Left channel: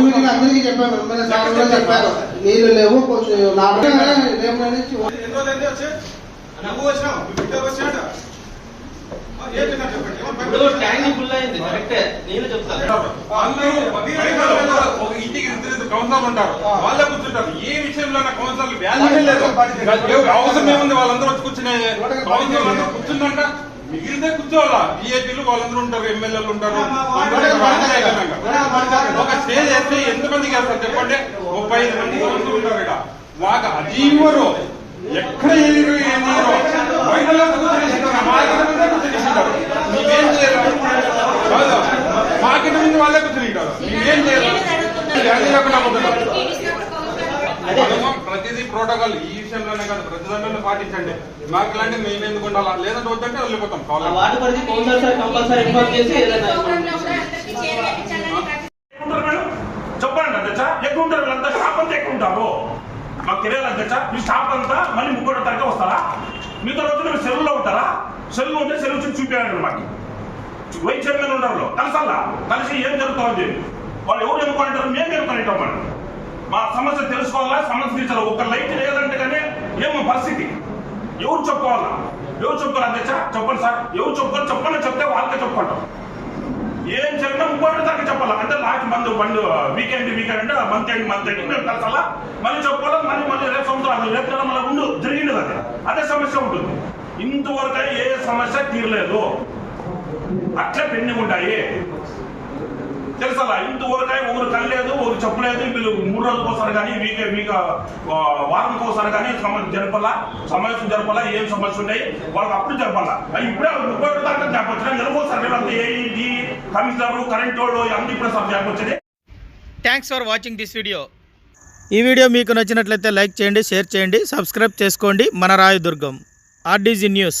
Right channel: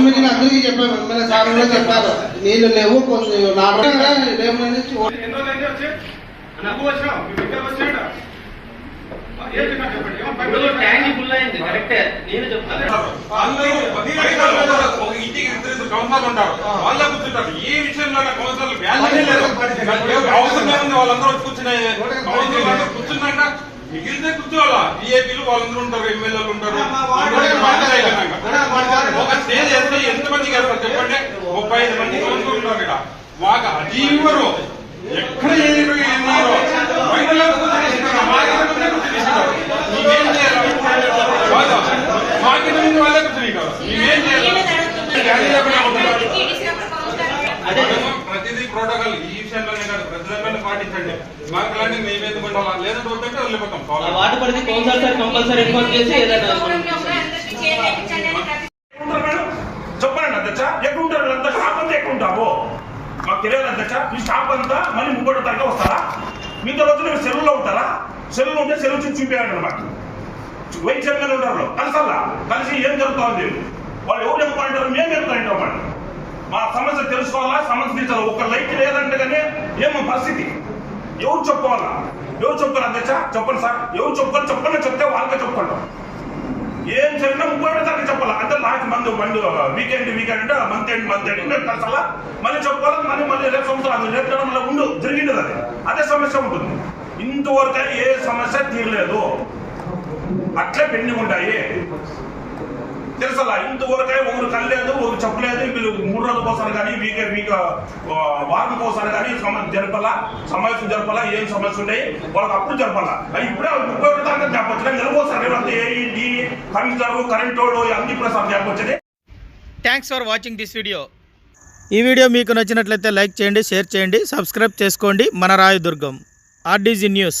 Meeting అందరికీ చెప్పాను MLA sir కూడా చెప్పారు నీళ్ళు లేవు కొంచెం నా రేపు నుంచి వాళ్ళే కూర్చుంటారు. ఏ విషయంలో కౌన్సిలర్లు వాల్యూ లేదు అవసరం ఏముంది వాళ్ళందరూ వచ్చి కూర్చునే కౌన్సిలర్ కూర్చుందంట. మిగిలితే కూర్చోవాలా? టీఏపీలు వాళ్ళందరూ ఉంటారు ఎమ్మెల్యేలు ఉంటారు. ఒక స్టేజ్ వేస్తే ఎంతమంది కలుగుతారు చెప్పండి? ముప్పై ఐదు మంది కౌన్సిలర్ ఉన్నారు ఇక్కడ. వాక అది ఇవ్వరు ఎక్కడ ముందే కూర్చొని ఇస్తున్నారు. మీకేం చేయాలి. మార్కెట్ ముందు వాళ్ళే కూర్చొని. మీకేం చేయాలి? ప్రతిదీ ప్రోటోకాల్ ఈ విషయంలోనే కాదు ప్రతి దాంట్లో పాటించండి. మాకు ఇలాంటి మేము ఎందుకు ఉండాలా? లేదంటే వద్దంటే కంపల్సరీ కంపల్సరీ ఇన్ఫార్మ్ చేసి ఏదైనా ఉంటారు మేడం? చెప్పండి అధ్యక్ష. ఉంటారు అంతా ఎక్కడ ఉంటారు మాకు తెలియదు అధ్యక్ష. మీ స్టాఫ్ అంతా మళ్ళీ ముగ్గురు వస్తారా? రోజు మీరు ఉంటారా? సెలవు ఉంటే సెలవు చూసి చూపించండి మాకు. వైస్ చైర్మన్ ఉంటారు. కలిసల్లా. కలిసి ఏం జరుగుతుంది వాళ్ళు ఎవరు చెప్పుకుంటారు మేము చెప్తాం మా సమస్య తెలుసుకోవాలా? సమస్య తీర్చాలి? ఒక లైట్ లేదంటే కానీ ఏమో పరిస్థితి. ఎవరు చెప్పుకోవాలా? ఎవరు చెప్పుకోవాలి అధ్యక్ష? చెప్పండి సార్. ఎవరు చెప్పుకోవాలి? చెప్పండి. చెప్తే వాళ్ళకే చెప్పుకుంటాం. ఏం జరిగినా ముప్పై ఒకటో తారీఖు చెప్పాలా? అంటే నాకు మంది మండు వీకెండ్ వీకెండ్ అంటే మంత్ ఎండ్ మంత్ ఎండ్. మేము కలిసాలా మళ్ళీ చెప్పుకోవాలి? మళ్ళీ మళ్ళీ రేపు సంవత్సరం రేపు మళ్ళీ ఉండు జరిగింది అది. అదే సమస్య ఉంటుంది. ఇంతవరకు ఏ సమస్య తీరలేదు. అట్లే పెండింగ్ ఉంటాయి. తెలుసలా ఇంతవరకే ఒకరు కలలేదు ఒకరు చెప్పలేదు. వీళ్ళు మూడు రోజులు ఒకసారి కానీ వీక్ వీక్ వారం ఒకసారి కానీ సమస్య జరపాలా సమస్య జరపాలా ఏం సమస్య ఉన్నాయి? వాళ్ళకి అప్పుడు జరపాలా ఇప్పుడే ముప్పై ఒకటి తారీఖు చెప్పొచ్చు నెలకోసారి రేపు ఏ కమిషనర్ కరెంట్ వాళ్ళు అన్ని ఇప్పుడు sir చెప్పొచ్చని thanks for watching this video ఈ వీడియో మీకు నచ్చినట్లయితే లైక్ చేయండి షేర్ చేయండి సబ్స్క్రైబ్ చేసుకోండి. మన రాయదుర్గం. RDG news.